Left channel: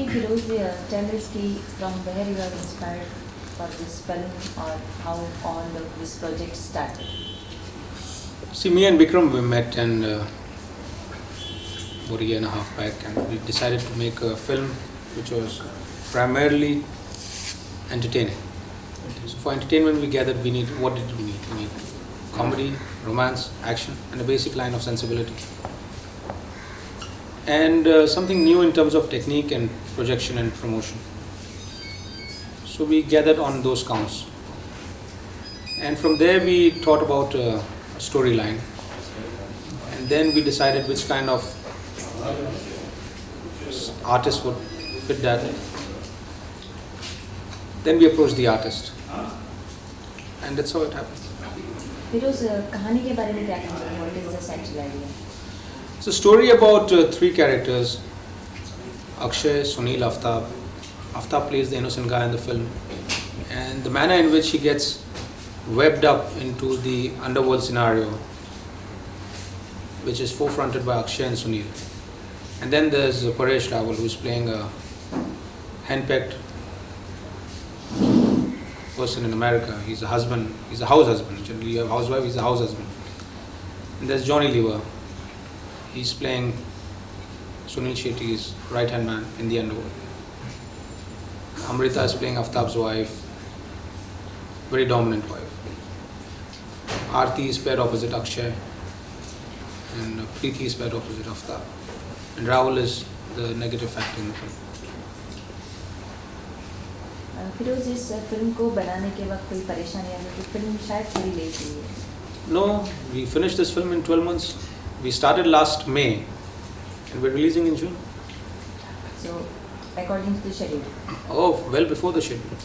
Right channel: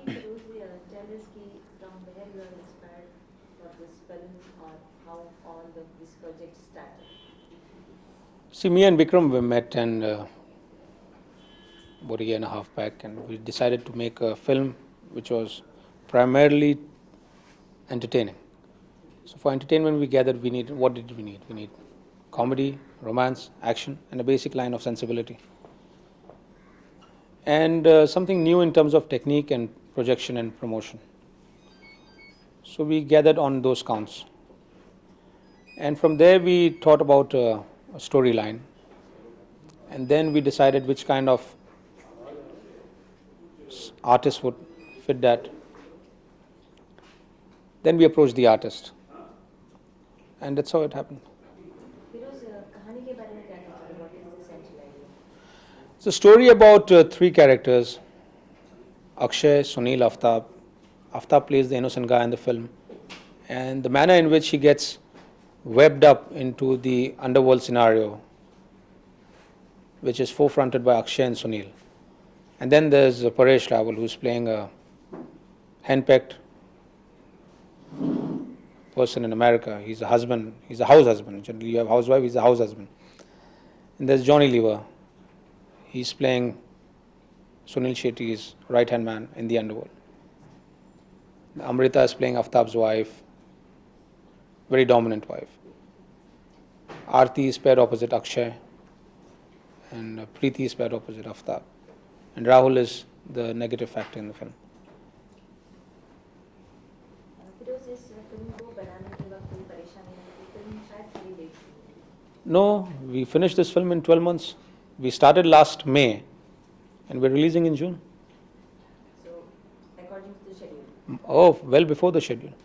कि Firoz tell us कि from where you are inspired for this film or how all of this project started. See, me and Vikram we met and about a year and a half back, and we decided to make a film which was primarily entertaining. So for entertainment, we gathered we need what did we need? We need comedy, romance, action, and a basic line of sensibility, and something new in terms of technique and projection and promotion. So we gathered on those counts, and from there we thought about a storyline, and then we decided which kind of artist would fit that. Then we approached the artist, and that's how it happened. Firoz कहानी के बारे में क्या कहेंगे? What is the central idea? It's a story about three characters: Akshay, Sunil, Aftab. Aftab plays the innocent guy in the film, and the manner in which he gets webbed up into the underworld scenario, which is forefronted by Akshay and Sunil. And then there's Paresh Rawal, who's playing a henpecked person in America. He's a husband, he's a house husband. Generally, you have a housewife, he's a house husband. And there's Johnny Lever. He's playing Sunil Shetty's right-hand man in the underworld. Amrita is playing Aftab's wife, very dominant wife. Aarti is paired opposite Akshay, and Preeti is paired opposite Aftab. And Rahul is the negative factor in the film. Firoz इस film को बनाने के वक्त कोई परेशानी आई तो film शायद थोड़ी लेट हुई है. No, we finished this film in 12 months. We started last May, and we're releasing in June. So according to the schedule. Oh, well before the schedule.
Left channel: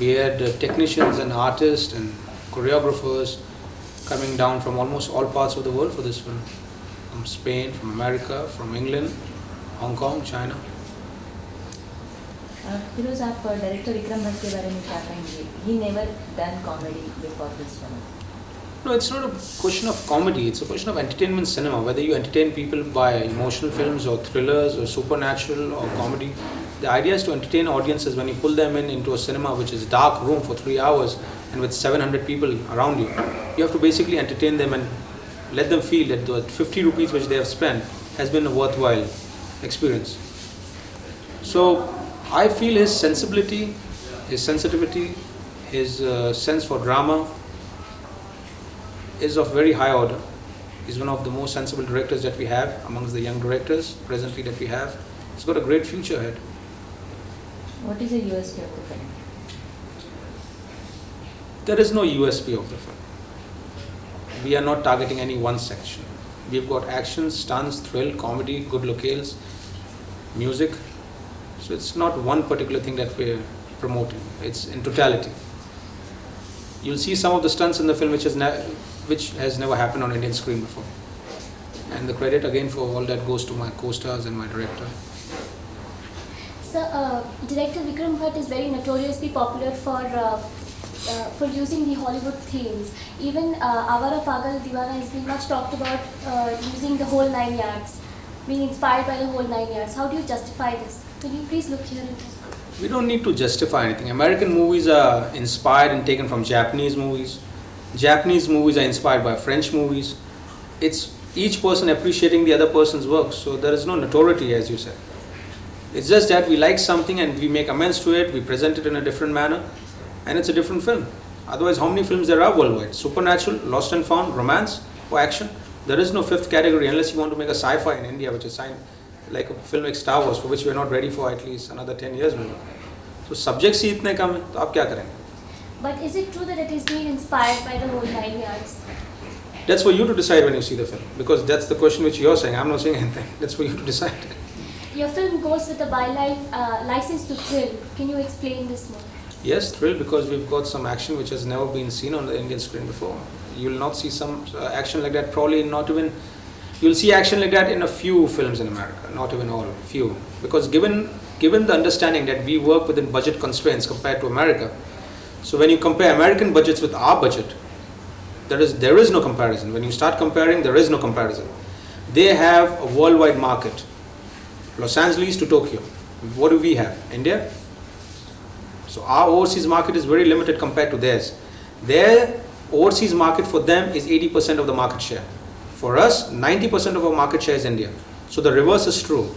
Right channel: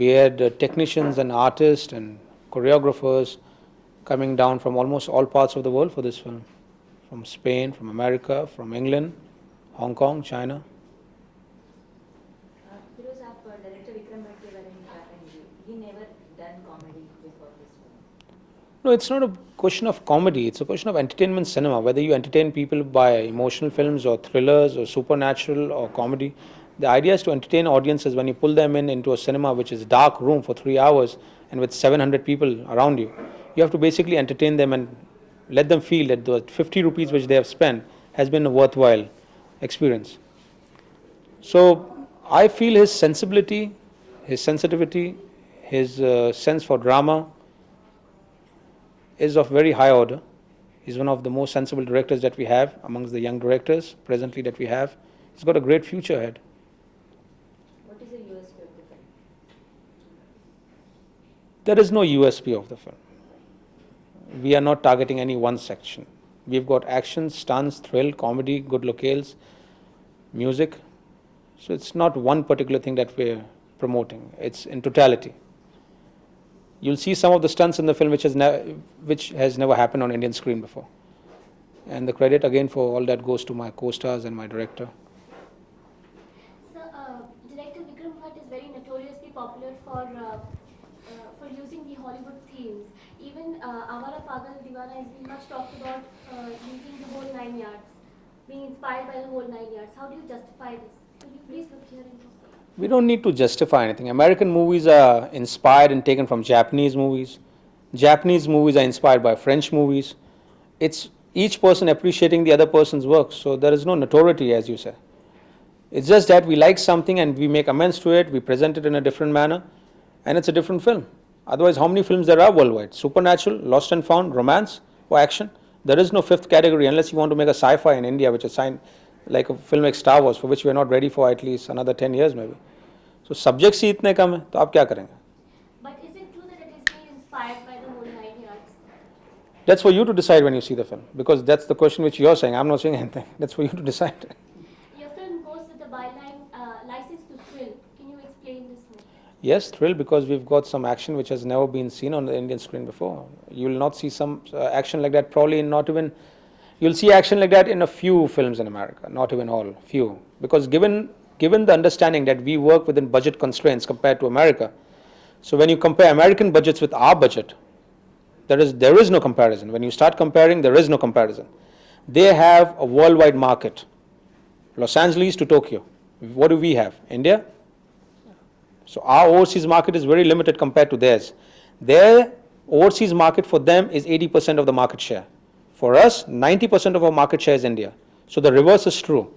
We had technicians and artists and choreographers coming down from almost all parts of the world for this film. From Spain, from America, from England, Hong Kong, China. Firoz आप director Vikram Bhatt के बारे में क्या कहेंगे? He never done comedy before this film. No, it's not a question of comedy, it's a question of entertainment cinema. Whether you entertain people by emotional films or thrillers or supernatural or comedy, the idea is to entertain audiences when you pull them into a cinema which is dark room for 3 hours and with 700 people around you. You have to basically entertain them and let them feel that the 50 rupees which they have spent has been a worthwhile experience. So I feel his sensibility, his sensitivity, his sense for drama is of very high order. He's one of the most sensible directors that we have amongst the young directors presently that we have. He's got a great future ahead. What is the USP of the film? There is no USP of the film. We are not targeting any one section. We've got action, stunts, thrill, comedy, good locales, music. So it's not one particular thing that we're promoting. It's in totality. You'll see some of the stunts in the film which has never happened on Indian screen before. And the credit again for all that goes to my co-stars and my director. Sir, director Vikram Bhatt is very notoriously popular for using the Hollywood themes. Even Avara Pagal Divana has been much talked about using the whole 9 yards, being inspired by the whole 9 yards. How do you justify this? Can you please look here? We don't need to justify anything. American movies are inspired and taken from Japanese movies. Japanese movies are inspired by French movies. It's each person appreciating the other person's work. So there is no notoriety, as you said. It's just that we like something and we make amends to it, we present it in a different manner, and it's a different film. Otherwise, how many films there are worldwide? Supernatural, Lost and Found, romance, or action? There is no fifth category unless you want to make a sci-fi in India, which is signed like a film like Star Wars, for which we are not ready for at least another 10 years maybe. So subjects ही इतने कम है, तो आप क्या करेंगे? But is it true that it is being inspired by the whole 9 yards? That's for you to decide when you see the film, because that's the question which you're saying. I'm not saying anything. That's for you to decide. Your film goes with a byline license to thrill. Can you explain this more? Yes, thrill, because we've got some action which has never been seen on the Indian screen before. You will not see some action like that, probably not even. You'll see action like that in a few films in America, not even all, few. Because given the understanding that we work within budget constraints compared to America, so when you compare American budgets with our budget, there is no comparison. When you start comparing, there is no comparison. They have a worldwide market, Los Angeles to Tokyo. What do we have? India? So our overseas market is very limited compared to theirs. Their overseas market for them is 80% of the market share. For us, 90% of our market share is India. So the reverse is true.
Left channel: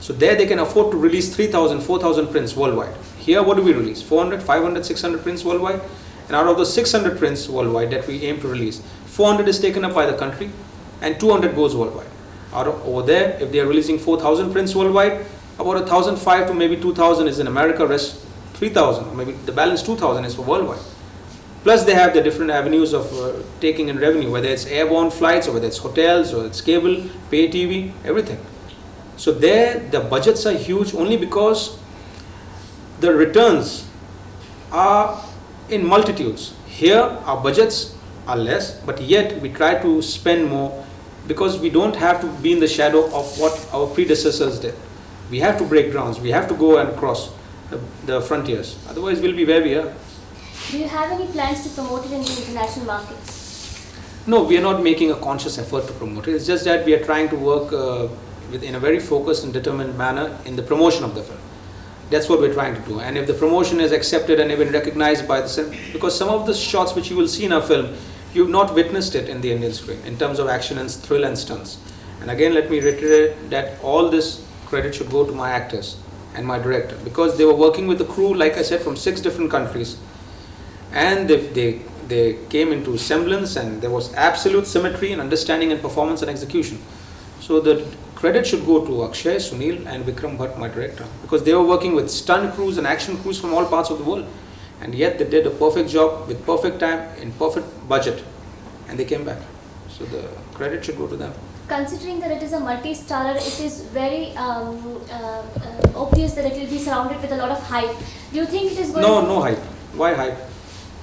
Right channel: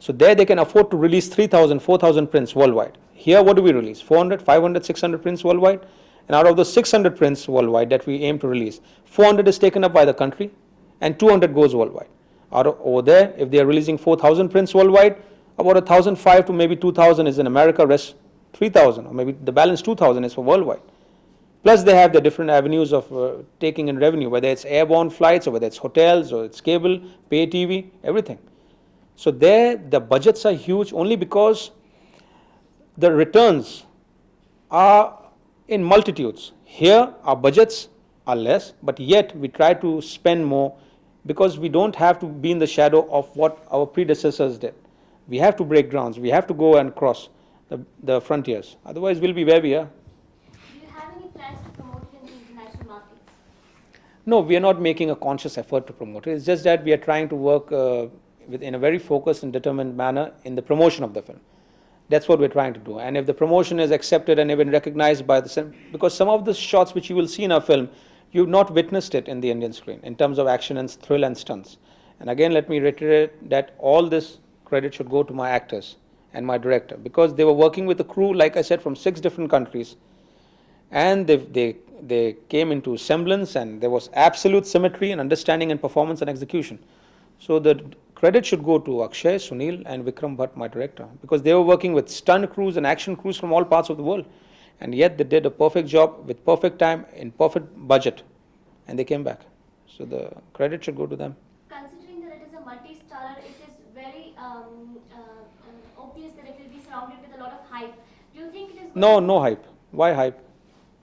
So there they can afford to release 3,000, 4,000 prints worldwide. Here what do we release? 400, 500, 600 prints worldwide? And out of those 600 prints worldwide that we aim to release, 400 is taken up by the country and 200 goes worldwide. Over there, if they are releasing 4,000 prints worldwide, about 1,500 to maybe 2,000 is in America, rest 3,000, or maybe the balance 2,000 is for worldwide. Plus they have the different avenues of taking in revenue, whether it's airborne flights or whether it's hotels or it's cable, pay TV, everything. So there the budgets are huge only because the returns are in multitudes. Here our budgets are less, but yet we try to spend more because we don't have to be in the shadow of what our predecessors did. We have to break grounds, we have to go and cross the frontiers, otherwise we'll be where we are. Do you have any plans to promote it in the international markets? No, we are not making a conscious effort to promote it. It's just that we are trying to work in a very focused and determined manner in the promotion of the film. That's what we're trying to do. And if the promotion is accepted and even recognized by the... Because some of the shots which you will see in our film, you've not witnessed it in the Indian screen in terms of action and thrill and stunts. And again, let me reiterate that all this credit should go to my actors and my director, because they were working with the crew, like I said, from 6 different countries. And they came into semblance, and there was absolute symmetry and understanding and performance and execution. So the credit should go to Akshay, Sunil and Vikram Bhatt, my director, because they were working with stunt crews and action crews from all parts of the world. And yet they did a perfect job with perfect time in perfect budget, and they came back. So the credit should go to them. Considering that it is a multi-starrer, it is very obvious that it will be surrounded with a lot of hype. Do you think it is going No hype. Why hype?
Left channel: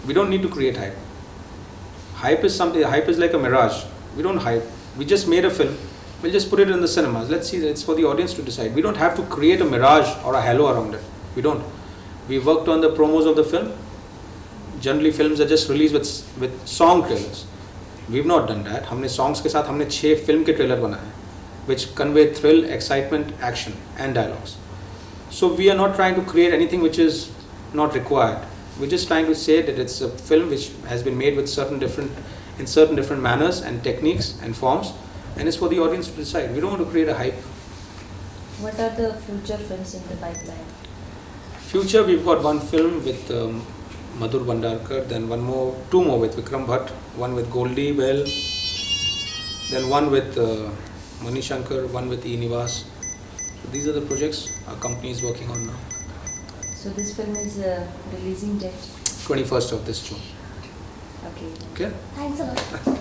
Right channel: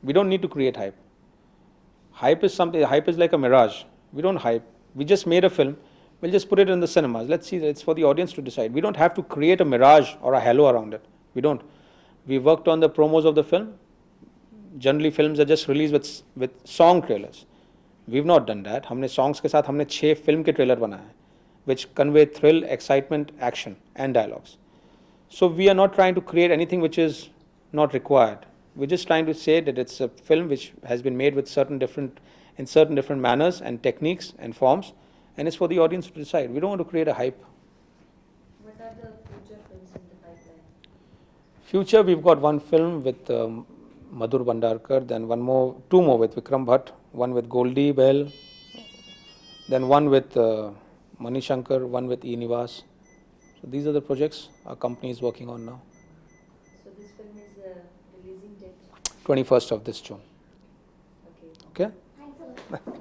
We don't need to create hype. Hype is something, hype is like a mirage. We don't hype. We just made a film. We'll just put it in the cinemas. Let's see, it's for the audience to decide. We don't have to create a mirage or a halo around it. We don't. We worked on the promos of the film. Generally films are just released with song trailers. We've not done that. हमने songs के साथ हमने 6 film के trailer बनाए, which convey thrill, excitement, action and dialogues. So we are not trying to create anything which is not required. We're just trying to say that it's a film which has been made with certain different manners and techniques and forms, and it's for the audience to decide. We don't want to create a hype. What are the future films in the pipeline? Future, we've got one film with Madhur Bhandarkar, then two more with Vikram Bhatt, one with Goldie Bell, then one with Mani Shankar, one with E. Nivas. So these are the projects our company is working on now. So this film is releasing date? 21st of this June. Okay. Okay? Thanks a lot.